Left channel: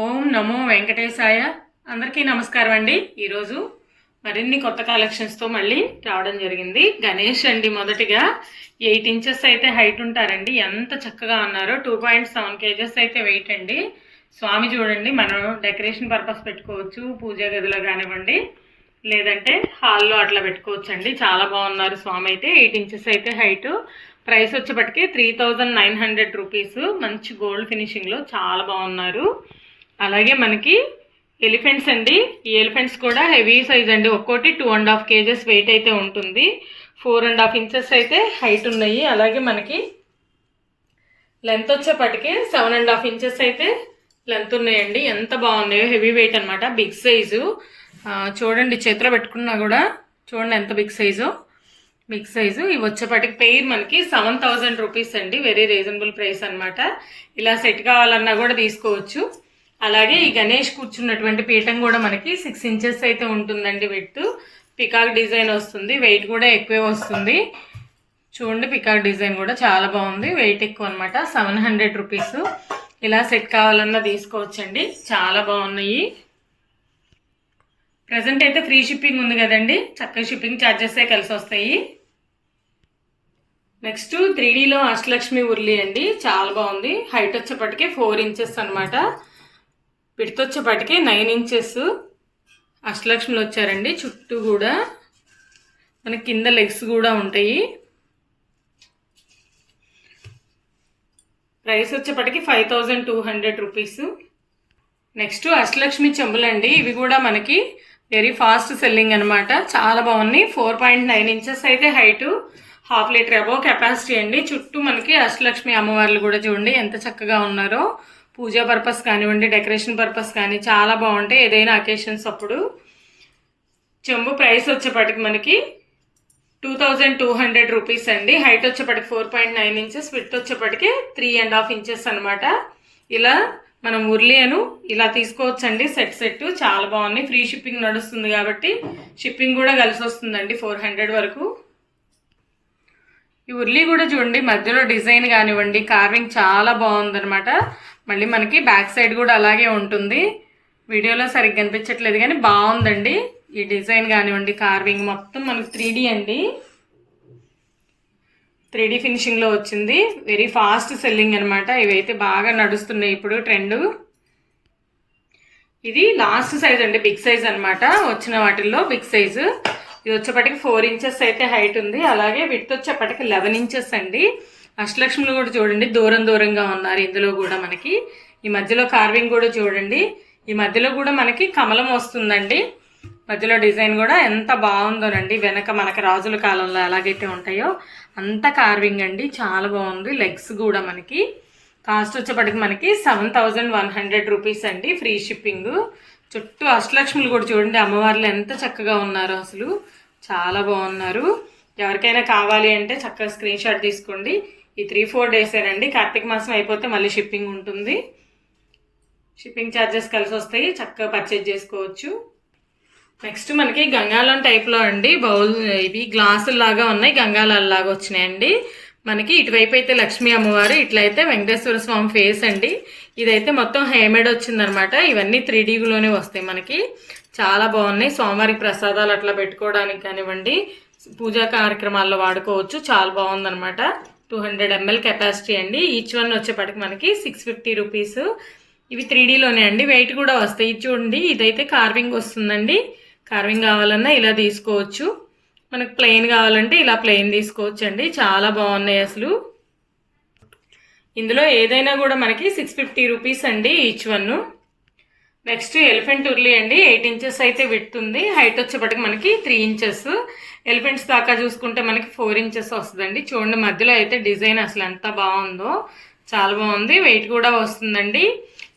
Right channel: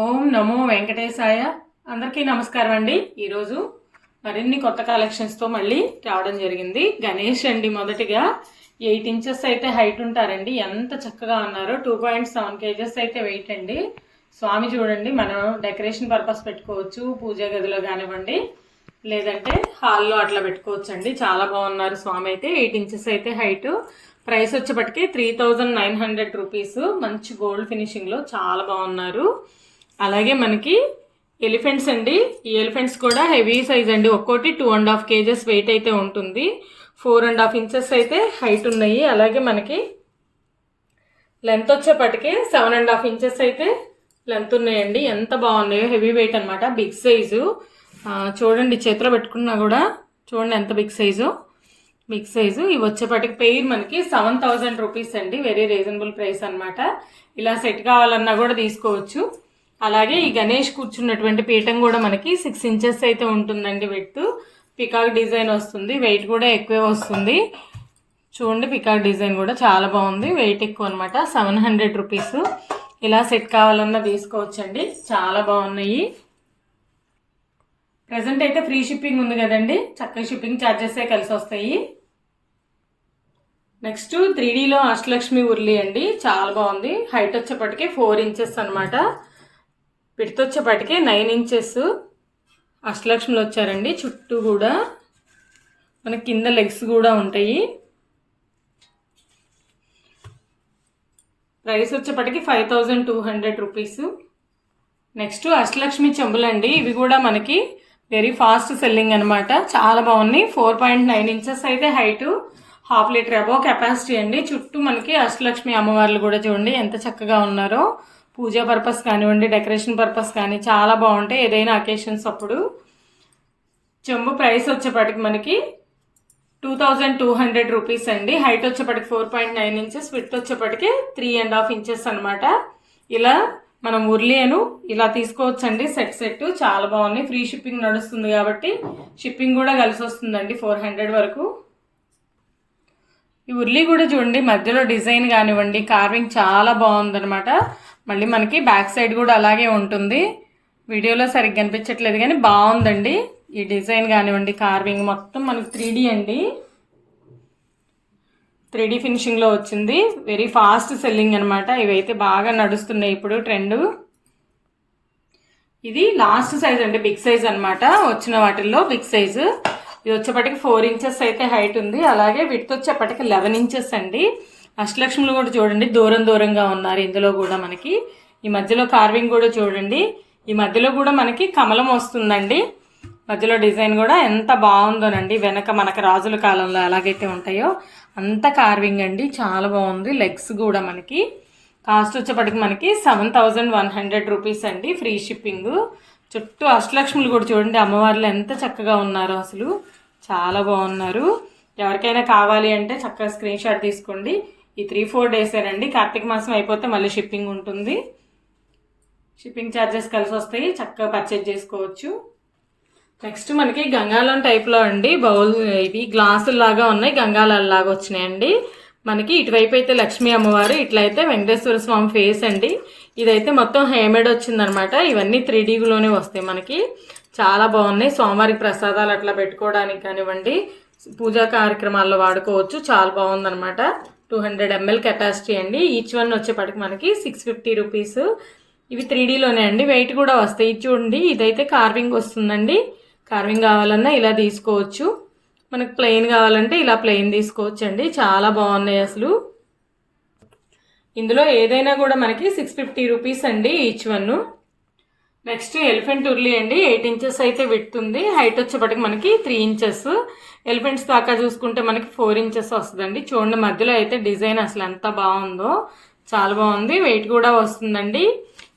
ఓం నమో వెంకటేశాయ. అందరికీ నమస్కారం అండి. ఈరోజు మరిన్ని కొత్త కలెక్షన్స్తో మళ్ళీ రావడం జరిగింది. గణేష్ అండి మొదటిగా. ఎయిట్ ఇంచెస్ అయితే హైట్ ఉంటారండి. ఎంత చక్కగా ఉన్నారో. టూ పాయింట్ సెవెన్ కేజెస్ అయితే వెయిట్ అండి. స్వామి చూడండి మనం డెకరేషన్ పర్పస్ పెట్టుకోవచ్చు పూజా గదిలో కానివ్వండి లేదంటే హాల్లో అట్లా పెట్టుకోవచ్చు అండి చాలా బాగున్నారు స్వామి అయితే. ఎయిట్ ఇంచెస్ అయితే హైట్. ప్రైస్ వచ్చేప్పటికి three thousand nine hundred rupees. మంచి గోల్డ్ ఫినిషింగ్లో చాలా బాగున్నారు. అలాగే మనకి ఎలిఫెంట్స్ అండి. ఈ ఎలిఫెంట్స్ కూడా హెవీ సైజ్ అండి. ఒక్కోటి two and half kgs weight అయితే ఉంటుంది. ఫోర్ అండ్ హాఫ్ ఇంచెస్ అయితే హైట్ ఉన్నాయి. అలాగే మనకి లెంత్ వచ్చేపటికి సెవెన్ అండ్ హాఫ్ ఇంచెస్ అయితే లెంత్ ఉన్నాయండి. ఎంత బాగున్నాయో హెవీ వెయిట్ అనమాట బిగ్ సైజు చూడండి చేతిలో పెట్టుకున్నా కూడా చూడండి ఎంత బిగ్ సైజు బిగ్ సైజు ఇవి వచ్చేపటికి పెయిర్ మనకి సెవెన్ థౌజండ్ రూపీస్ అండి. వెరీ రీజనబుల్ ప్రైస్ అన్నమాట. ఇలా సెట్ కావాలన్నా కూడా తీసుకోవచ్చు. అలాగే ఈ గణేష్ కూర్చున్నటువంటి పీఠం కూడా మనకి సిక్స్ ఇంచెస్ అయితే ఉంటుందండి వెట్ పికాక్ డిజైన్ వస్తుంది. వెయిట్ కూడా ఎక్కువే వస్తుంది. చూడండి పికాక్ డిజైన్ కూడా చాలా బాగుంది. వెయిట్ ఎక్కువ అనమాట సెవెన్ హండ్రెడ్ రూపీస్ ఇలా సెట్ కావాలన్నా తీసుకోవచ్చండి. చాలా బాగున్నాయి. ప్రజెంట్ అయితే ఫ్రీ షిప్పింగ్ ఉంది కదండి. చక్కగా షిప్పింగ్ ఛార్జెసే కలిసి వస్తాయి. నెక్స్ట్ త్రీ డీలో అష్టలక్ష్మి ఉర్లి అండి. చాలా బాగుంది. హైట్ వచ్చేప్పటికే ఫోర్ ఇంచెస్ అనమాట విడత నైన్ ఇంచెస్ అష్టలక్ష్మిలు వచ్చారండి. చుట్టూ కూడా మనకి కింద లెగ్స్ కూడా ఉంటాయి. Price వచ్చేపటికి five thousand two hundred rupees. Next Ashtalakshmi చెంబులండి. ఇవి కూడా మనకి వెరీ ఫాస్ట్ సెల్లింగ్ అనమాట చాలా బాగున్నాయి. ఫోర్ పాయింట్ నైన్ ఇంచెస్ అయితే height half litre above capacity అండి. చుట్టూ మనకి అష్టలక్ష్మి అమ్మవార్లు కూడా చూడండి. ఎంత చక్కగా ఉన్నారో. పూజా పర్పస్ కానివ్వండి డెకరేషన్ పర్పస్ కానీ చాలా బాగుంటాయి. ఏదైనా అకేషన్స్ అప్పుడు చెంబు ప్రైస్ వచ్చేపటికి మనకి two thousand two hundred rupees అండి. Height వచ్చేపటికి four point nine inches width వచ్చేపటికి three and half inches అనమాట ఇలా మనం ఉర్లియను ఇలా తీసుకోవచ్చండి. సెట్ సెట్ చాలా బాగున్నాయి. ఫ్రీ షిప్పింగ్ నడుస్తుంది కాబట్టి షిప్పింగ్ కూడా కలిసి వస్తుందండి ఫోర్ హండ్రెడ్ వరకు. ఈ ఉర్లీ కూడా చూడండి మధ్యలో డిజైన్ కానివ్వండి కార్వింగ్ చాలా బాగుందనమాట మళ్ళీ మనకి బ్యాక్ సైడ్ కూడా అలాగే ఉంటుంది. వీడియోలో సరిగ్గా కనిపించట్లేదు కానీ బాగుందండి. ఈ డిజైన్ కానివ్వండి కార్వింగ్ మొత్తం మనకి త్రీ అండి. త్రీ డీ ఫినిషింగ్లో వచ్చింది. వెరీ ఫాస్ట్ సెల్లింగ్ అనమాట ఇవైతే బాగా నడుస్తున్నాయి ఇప్పుడు ట్రెండ్ ఇది లాస్ట్ సైజ్ అండి బిగ్ సైజ్ అనమాట వచ్చిన వాటిల్లో బిగ్ సైజు ఇది వచ్చేప్పటికి ఫోర్ ఇంచెస్ అయితే హైట్ ఉంది. అలాగే విత్ వచ్చేపటికి లెవెన్ ఇంచెస్ అండి. అష్టలక్ష్ములు కూడా చూడండి దూరం దూరంగా ఉన్నారు. ఇందులో కూడా మనకి ఈ మధ్యలో కార్వింగ్ కూడా చూడండి. ఈ మధ్యలో కూడా మనకి కమలం వస్తుందండి. మధ్యలో డిజైన్ కూడా ఎంత బాగుందోనండి. వెనక మనకి రాజుల కాలంలో ఎలాగైతే ఉంటాయో అంత కార్వింగ్ అండి. చాలా బాగుంది. లెగ్స్ కూడా మనకి. కాస్ట్ వచ్చేప్పటికి మనకి seven thousand one hundred rupees అండి ఫ్రీ షిప్పింగ్. చుట్టూ అష్టలక్ష్ములు కూడా చూడండి. అమ్మవార్లు ఎంత చక్కగా ఉన్నారో అసలు. చాలా బాగున్నారు. ఎవరికైనా కావాలి అంటే చక్కగా స్క్రీన్ షాట్ తీసుకోండి. ఈ త్రీ ఫోర్ డేసేనండి కార్తీక మాసం అయిపోతే మళ్ళీ షిప్పింగ్ ఉంటుంది. షిప్పింగ్ ఛార్జెస్ కలిసి వస్తాయి. చక్కగా పర్చేజ్ చేసుకోవచ్చు. నెక్స్ట్ మనకి గంగాలం టైప్లో అండి. బౌల్ ఇవి గ్లాసులు లాగా ఉన్నాయి. గంగాలాల లాగా వచ్చినాయండి. మనకి ఇటువైపు అయితే లక్ష్మీ అమ్మవారు ఇట్లయితే వెంకటేశ్వర స్వామి ఫేస్ అండి. ఇదైతే మొత్తం హేమేడ్ వచ్చిందనమాట. ఇవన్నీ త్రీ డీలోనే వస్తాయి మనకి. చాలా బాగున్నాయి. స్వామివారికి ప్రసాదాలు అట్లా పెట్టుకోవడానికి కానివ్వండి పూజా కార్యక్రమాల్లో వాడుకోవచ్చు. చాలా బాగుందనమాట. టూ హండ్రెడ్ ఎంఎల్ కెపాసిటీ అండి. ఈచ్ వన్ వచ్చేపటికి మనకి సిక్స్ ఫిఫ్టీ రూపీస్. ఇవి త్రీ డీలోనే అండి. వెయిట్ కూడా వస్తాయి. చూడండి. ఇదైతే కార్వింగ్ వస్తుందండి. కార్వింగ్ కావాలన్నా ఇలా తీసుకోవచ్చు. మనకు ప్లెయిన్ కావాలంటే ఇలా ప్లెయిన్ తీసుకోవచ్చు అండి చాలా బాగున్నాయి అసలు. ఇందులో ఏదైనా కూడా మనకి సిక్స్ ఫిఫ్టీ రూపీస్ అండి each one next elephant urli అండి ఎయిట్ ఇంచెస్ అయితే పెడుతుంది హైట్ వచ్చేపటికి మనకి త్రీ ఇంచెస్ ఎలిఫెంట్స్ దాకా చూసుకుంటే మనకి ఫోర్ ఇంచెస్ వస్తుందండి. చూడండి మధ్యలో అయితే డిజైన్ అసలు ఎంత బాగుందో. చాలా బాగుంది. వెయిట్ కూడా వస్తుందండి.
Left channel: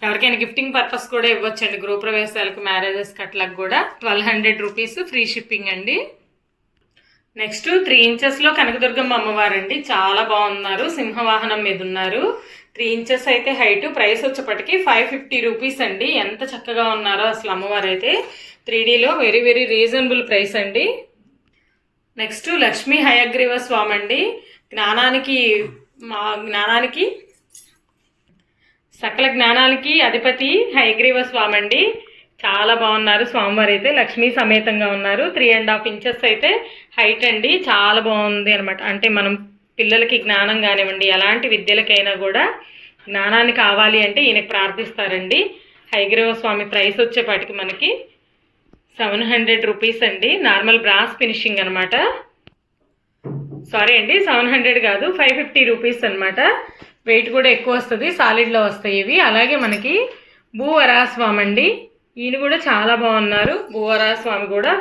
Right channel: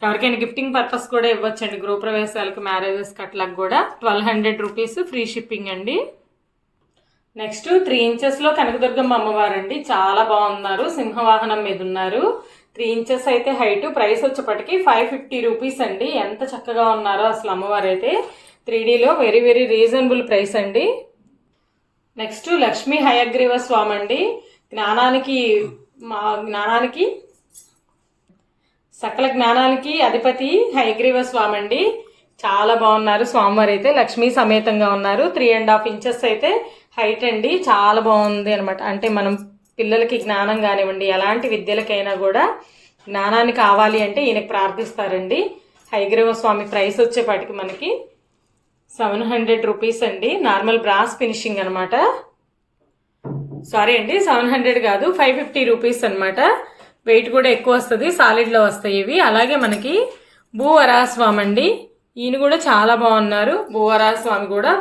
ఎవరికైనా గిఫ్టింగ్ పర్పస్ కూడా ఇవ్వచ్చండి. గృహప్రవేశాలకు మ్యారేజెస్కి అట్లా కూడా. Twelve hundred rupees free shipping అండి. నెక్స్ట్ త్రీ ఇంచెస్లో కనకదుర్గమ్మ అమ్మవారండి. చాలా బాగున్నారు. సింహవాహనం మీద ఉన్నారు. త్రీ ఇంచెస్ అయితే హైట్ ప్రైస్ వచ్చేప్పటికి ఫైవ్ ఫిఫ్టీ రూపీస్ అండి. ఎంత చక్కగా ఉన్నారో అసలు అమ్మవారు అయితే త్రీడీలో వెరీ వెరీ రీజనబుల్ ప్రైస్ అండి. నెక్స్ట్ లక్ష్మీ హయగ్రీవ స్వామి అండి. జ్ఞానానికి మా జ్ఞానానికి సకల జ్ఞానానికి అధిపతి హైగ్రీవ స్వామి అండి. చాలా బాగున్నారు స్వామివారు అయితే. లక్ష్మీ సమేతంగా ఉన్నారు. త్రీ అండ్ హాఫ్ ఇంచెస్ అయితే హైట్ అండి. చాలా బాగుంది అనమాట అంటే మనం పిల్లలకి జ్ఞానం కానివ్వండి ఎలాంటి విద్యలకైనా కూడా జ్ఞానాన్ని కావాలి అంటే ఈయనకి ప్రార్థిస్తారండి. హైగ్రీవ స్వామి ప్రైస్ వచ్చేపాటికి మనకి సెవెన్ హండ్రెడ్ రూపీస్ అండి. నార్మల్ బ్రాస్ ఫినిషింగ్ అనమాట సారీ అండి సెవెన్ హండ్రెడ్ కాదు ఫైవ్ ఫిఫ్టీ రూపీస్ అనమాట వెయిట్ కూడా ఎక్కువ వస్తుంది సాలిడ్లో వస్తాయి ఇవి. అలాగే మనకి భూవరాస్వామి అండి. ఈయన కూడా చాలా బాగున్నారు. భూవరాస్వామి కూడా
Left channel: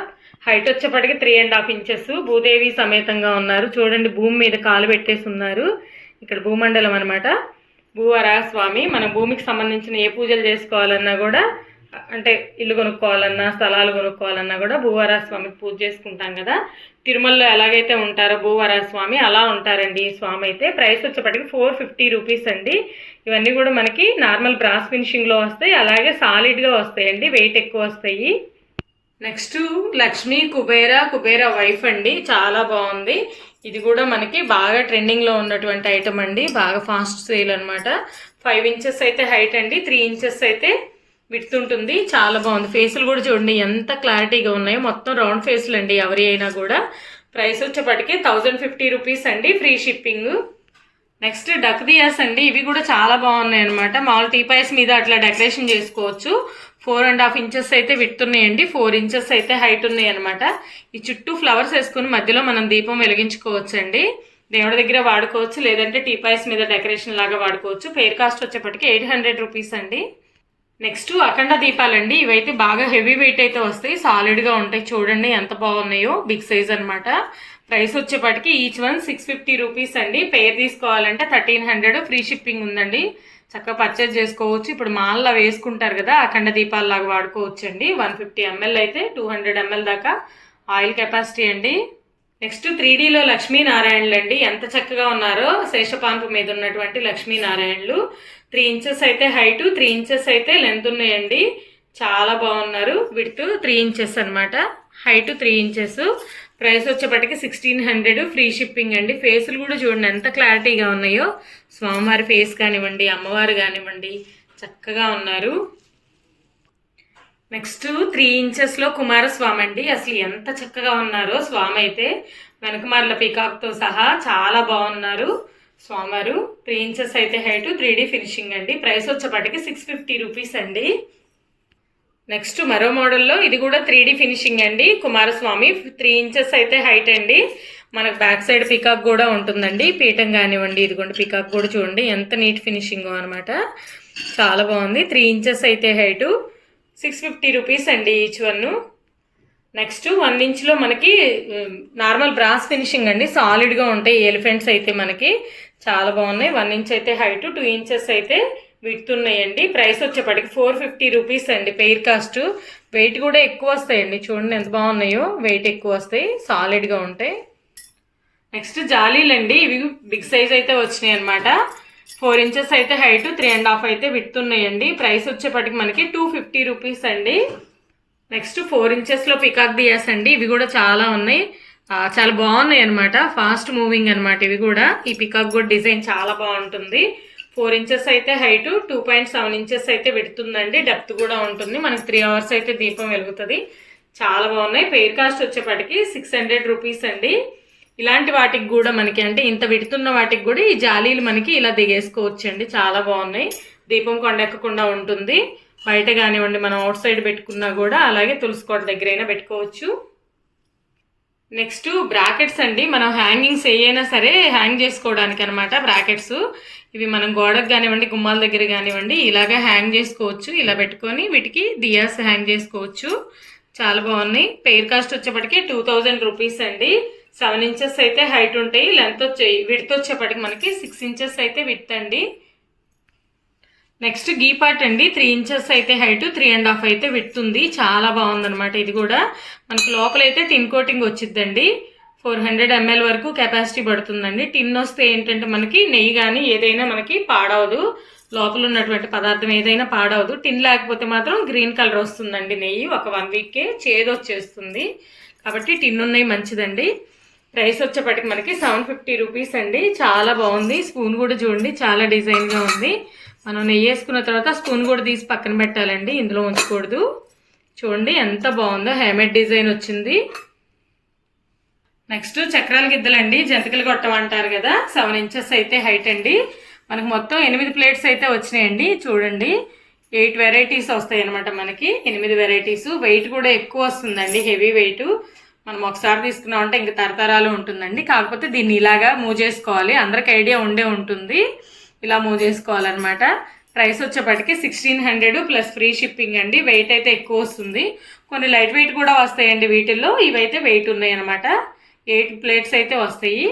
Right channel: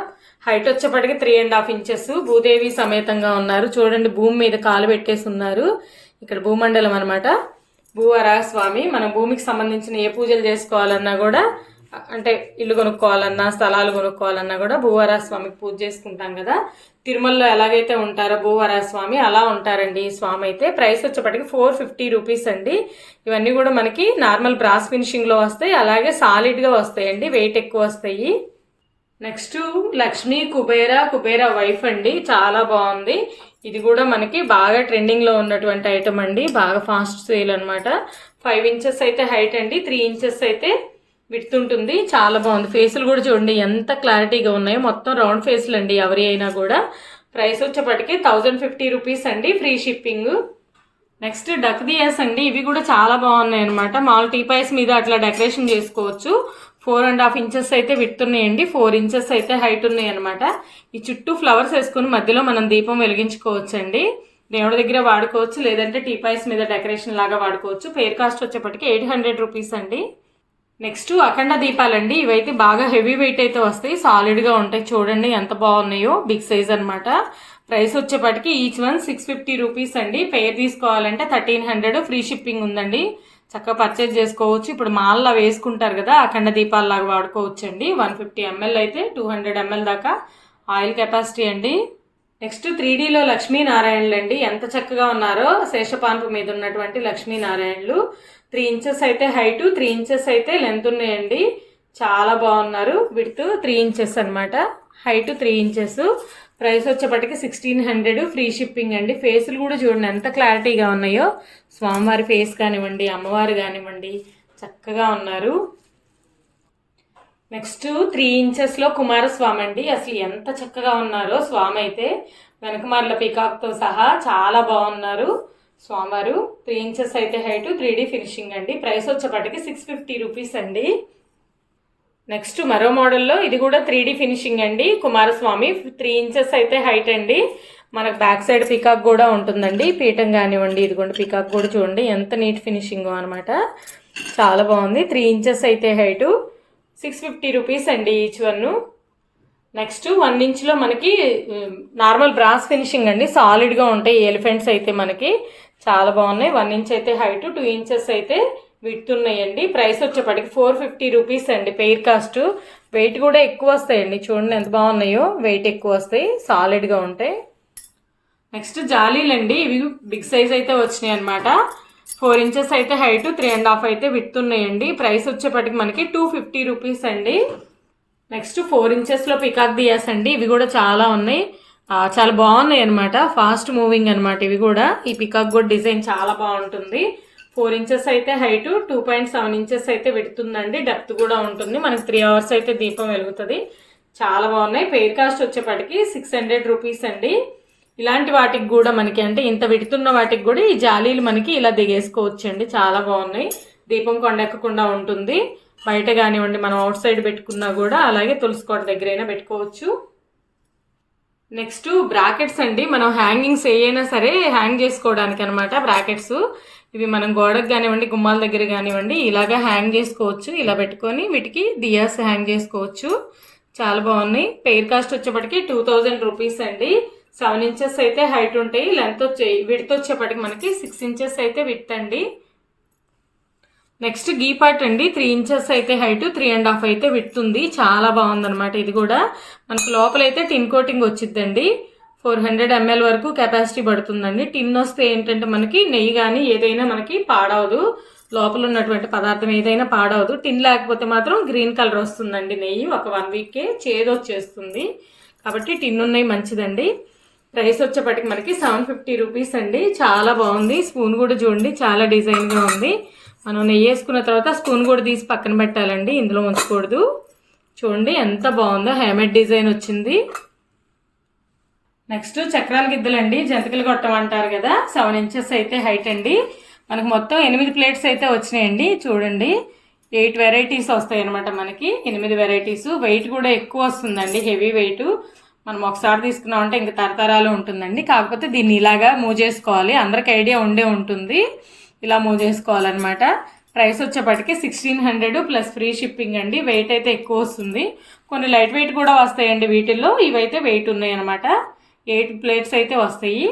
హైట్ వచ్చేప్పటికి three and half inches Bhudevi సమేతంగా ఉన్నారు. చూడండి భూమి మీద కాలు పెట్టేసి ఉన్నారు. ఇక్కడ భూమండలం అనమాట భూవరాస్వామి మనం భూమికి సంబంధించిన ఏ పూజలు చేసుకోవాలన్నా కూడా అంటే ఇల్లు కొనుక్కోవాలన్నా స్థలాలు కొనుక్కోవాలన్నా కూడా భూవారా స్వామికి పూజ చేసుకుంటాం కదా. తిరుమలలో ఎలాగైతే ఉంటారో భూవారా స్వామి అలా ఉంటారండి ఈ స్వామి అయితే. ప్రైస్ వచ్చేప్పటికి ఫోర్ ఫిఫ్టీ రూపీస్ అండి. ఇవన్నీ కూడా మనకి నార్మల్ బ్రాస్ ఫినిషింగ్లో వస్తాయి అలాగే సాలిడ్గా వస్తాయండి వెయిట్ ఎక్కువ వస్తాయి. నెక్స్ట్ లక్ష్మీ కుబేర కుబేర వైఫ్ అండి చాలా బాగుంది. ఇది కూడా మనకి బాగా ట్రెండింగ్లో ఉన్నటువంటి ఐటమ్ అండి బాగా ఫాస్ట్ సేల్ అనమాట ఫైవ్ ఇంచెస్ అయితే హైట్ అండి త్రీ ఇంచెస్ అయితే విడుతుంటుంది. చాలా బాగుంది. ఫేసులు కూడా చూడండి ఎంత క్లారిటీగా ఉన్నాయో. మొత్తం రౌండ్ ఫేసులు అండి ఎవరి అయినా కూడా. ప్రైస్ వచ్చేప్పటికి థౌజండ్ ఫిఫ్టీ రూపీస్ అండి free shipping next duck diyas అండి. ఇవి కూడా చాలా బాగున్నాయి అనమాట మామూలు టీపాయిస్ మీద అట్లా డెకరేషన్ చేసుకోవచ్చు. ఫోర్ అండ్ హాఫ్ ఇంచెస్ అయితే విడుతున్నాయండి. ఫోర్ ఇంచెస్ అయితే హైట్ ఉన్నాయి అనమాట ఈ చుట్టూ ఫ్లవర్స్ వేసుకుని మధ్యలో మనం దీపం వెలిగించుకోవచ్చు అండి దేవుడి దగ్గర వాడుకోవచ్చు. లేదంటే టీపాయిస్ మీద డెకరేషన్ లాగా వాడుకోవచ్చు. పేర్ కాస్ట్ వచ్చేప్పటికి ఎయిట్ హండ్రెడ్ రూపీస్ అండి. నెక్స్ట్ అఖండ దీపాలండి. ఇవైతే బాగా హెవీ వెయిట్ అయితే వస్తాయి. సాలిడ్గా ఉంటాయి. చూడండి ఎంత బాగున్నాయో. బిగ్ సైజ్ అనమాట ప్రైస్ వచ్చేప్పటికి each one six fifty rupees అండి. పేర్ తీసుకోవాలంటే థర్టీన్ హండ్రెడ్ ఫ్రీ షిప్పింగ్ ఉందండి. చక్కగా పర్చేజ్ చేసుకోవచ్చు. ఇప్పుడు మాల్లో వేసుకుంటారు కదా అఖండ దీపాలలాగా వాడుకోవచ్చు అండి వన్ ఫిఫ్టీ ఎంఎల్ అయితే టూ హండ్రెడ్ ఎంఎల్ దాకా ఆయిల్ కెపాసిటీ అండి. నెక్స్ట్ త్రీ డీలో లక్ష్మీనారాయణలు అండి ఎంత చక్కగా ఉన్నారో శేషపాన్పు మీద ఉన్నటువంటి లక్ష్మీనారాయణలు. త్రీ ఇంచెస్ అయితే హైటు త్రీ ఇంచెస్ అయితే లెంత్ ఉన్నాయండి. చాలా బాగున్నారు. విడ్త్ త్రీ ఇంచెస్ అనమాట హైట్ త్రీ ఇంచెస్. ప్రైస్ వచ్చేప్పటికి సిక్స్టీన్ హండ్రెడ్. ఫ్రీ షిప్పింగ్ అండి. ఫేసులు కూడా చూడండి ఎంత క్లారిటీగా ఉన్నాయో. స్వామివారి ఫేస్ కానివ్వండి అమ్మవారు కానివ్వండి చక్కగా ఉన్నారు. నెక్స్ట్ త్రీ ఇంచెస్లో కుమారస్వామి అండి. అసలు ఎంత చక్కగా ఉన్నారో స్వామి అయితే. వెనకమార్ల పీకాక్తో సహా చాలా బాగున్నారు. స్వామివారు త్రీ ఇంచెస్ అయితే హైట్ త్రీ డీ ఫినిషింగ్ అండి. ప్రైస్ వచ్చేపాటికి సిక్స్ ఫిఫ్టీ రూపీస్ అండి. నెక్స్ట్ మరో మోడల్లో ఇది కూడా త్రీ డీ ఫినిషింగ్ అండి. కుమారస్వామి త్రీ ఇంచెస్ అయితే హైట్ అండి. మనకు బ్యాక్ సైడ్ పికాక్ కూడా ఉంటుందండి. పీఠం కానివ్వండి ఇదిగోండి పికాక్ కూడా చూడండి. ఎంత నీట్ ఫినిషింగ్ అనమాట చాలా బాగుంది. త్రీ ఇంచెస్ అయితే హైటు సిక్స్ ఫిఫ్టీ రూపీస్ అండి ఈచ్ వన్. నెక్స్ట్ వన్ ఇంచ్లో మనకి నార్మల్ బ్రాస్ ఫినిషింగ్ అండి. సాలిడ్గా ఉంటాయి ఎలిఫెంట్స్ అయితే మనకి. చాలా బాగున్నాయి. వన్ ఇంచ్ అయితే హైట్ టూ ఇంచెస్ అయితే విడుతున్నాయండి ప్రైస్ వచ్చేప్పటికి ఫోర్ ఫిఫ్టీ రూపీస్ అండి పెయిర్ కాస్ట్. వెయిట్ కూడా ఎక్కువ వస్తాయండి. చూడండి ఎంత బాగున్నాయో. వెయిట్ ఎక్కువ వస్తాయి. సాలిడ్గా ఉంటాయి. నెక్స్ట్ జాలీలు అండి. ఇవి బిగ్ సైజ్ అయితే వచ్చినాయి అనమాట ఫోర్ ఇంచెస్ అయితే హైట్ త్రీ అండ్ హాఫ్ అయితే విడుతున్నాయండి ప్రైస్ వచ్చేప్పటికి మనకి టూ ఫిఫ్టీ రూపీస్ అండి. నెక్స్ట్ ఫోర్ ఇంచెస్లో పికాక్ దియాస్ అండి. ఇవి కూడా చాలా ఉన్నాయి. చాలా బాగున్నాయి అనమాట ఫాస్ట్ మూవింగ్ అనమాట ఇవి కూడా. ఈ పికాక్ గుడ్ డిజైన్ చాలా బాగుంటుంది. ఫోర్ ఇంచెస్ అయితే height two point seven inches అయితే విడుతుందండి. డెప్త్ కూడా ఉంటుంది. మనకి త్రీ అవర్స్ అయితే దీపం వెలుగుతుంది. చాలా బాగున్నాయి. పెయిర్ కాస్ట్ వచ్చేప్పటికి సిక్స్ హండ్రెడ్ రూపీస్ అండి. ఇలాంటి వాటికి కూడా మనకి అంటే ఇంత విడుతున్న వాటికి కూడా ఈ జాలీలు మనకి ఇలా దిగేసుకోవచ్చు అండి చాలా బాగున్నాయి. దీపం కొండెక్కకుండా ఉంటుంది. బయట కానివ్వండి మనం అవుట్ సైడ్ పెట్టుకున్నా కూడా అలాగే తులసికోట దగ్గరైనా పెట్టుకోవచ్చు. నెక్స్ట్ బ్రాకెట్స్ అండి. మనం హ్యాంగింగ్స్ ఏయైనా సరే హ్యాంగ్ చేసుకోవడానికి అనమాట బ్రాకెట్స్. ఇవి మనం గోడకు కానివ్వండి గుమ్మాల దగ్గర కానివ్వండి ఇలాగా హ్యాంగ్ చేసుకోవచ్చు. ఇలా పెట్టుకొని వీటికి దియాస్ హ్యాంగ్ చేసుకోవచ్చు. చాలా బాగున్నాయి. పెయిర్ కాస్ట్ వచ్చేప్పటికి టూ థౌజండ్ రూపీస్ అండి. సెవెన్ ఇంచెస్ అయితే హైట్ ఉంటాయి. లెంత్ వచ్చే విడ్త్ వచ్చేప్పటికి మనకి సిక్స్ ఇంచెస్ అయితే విత్ అండి. నెక్స్ట్ గీ పార్ట్ అండి. త్రీ ఇంచెస్ అయితే హైట్ త్రీ అండ్ హాఫ్ అయితే విడుతుంది చాలా బాగుందనమాట ఇది కూడా. మనకి లోపలైతే టిన్ కోటింగ్ వచ్చిద్దండి. ఫోర్ హండ్రెడ్ ఎంఎల్ వరకు కెపాసిటీ పడుతుందండి. టిన్ వస్తే ఏంటంటే మనకి నెయ్యి కానీ ఏదైనా మనకి పాడవదు. లోపల ఉన్నటువంటి పదార్థం ఏదైనా పాడవదు. టిన్ లేకపోతే మాత్రం గ్రీన్ కలర్ వస్తుందండి నెయ్యి. ఒక వన్ వీక్కే చేదు వచ్చేస్తుంది. కాబట్టి టిన్ ఉన్నాయి మంచిదండి. ప్రైస్ వచ్చేప్పటికి మనకి సెవెన్ ఫిఫ్టీ రూపీస్ అండి. చాలా బాగుంది. స్పూన్ కూడా చూడండి. చాలా డిజైన్గా ఉంది. మనం నెయ్యి వేసుకున్న తర్వాత స్పూన్ కూడా తీసి పక్కన పెట్టాలండి. ఇందులో ఉంచకూడదు. చూడండి ఎంత బాగుందో హ్యామేడ్ డిజైన్ వచ్చింది. నెక్స్ట్ చక్రాల గిద్దలండి. జంతికలు కొట్టమంటారు కదా సెవెన్ ఇంచెస్ అయితే హైట్ అండి. మనకు మొత్తం ఎనిమిది ప్లేట్స్ అయితే వచ్చినాయండి. చూడండి ఎయిట్ వెరైటీస్ వస్తాయి అనమాట మనకి. ఎనిమిది వెరైటీస్. వెయిట్ కూడా ఎక్కువ వస్తుందండి హెవీ వెయిట్. మనం ఒకసారి తీసుకున్నాం అంటే ఇంక తరతరాలు ఉంటుందండి. కాకపోతే దీన్ని ఇలాగా మూవ్ చేసుకోవాలి. అందరికి ఐడియా ఉండే ఉంటుంది. ఇలా మూవ్ చేసుకోవాలన్నమాట. ప్రైస్ వచ్చేప్పటికి sixteen hundred plus free shipping అండి. వెయిట్ అయితే ఎక్కువ వస్తుంది. కొన్ని లైట్ వెయిట్ కూడా వస్తాయండి వీటిల్లో. ఇవైతే వెయిట్ ఉన్నాయి అనమాట ఎయిట్ ప్లేట్స్ అయితే వస్తాయి.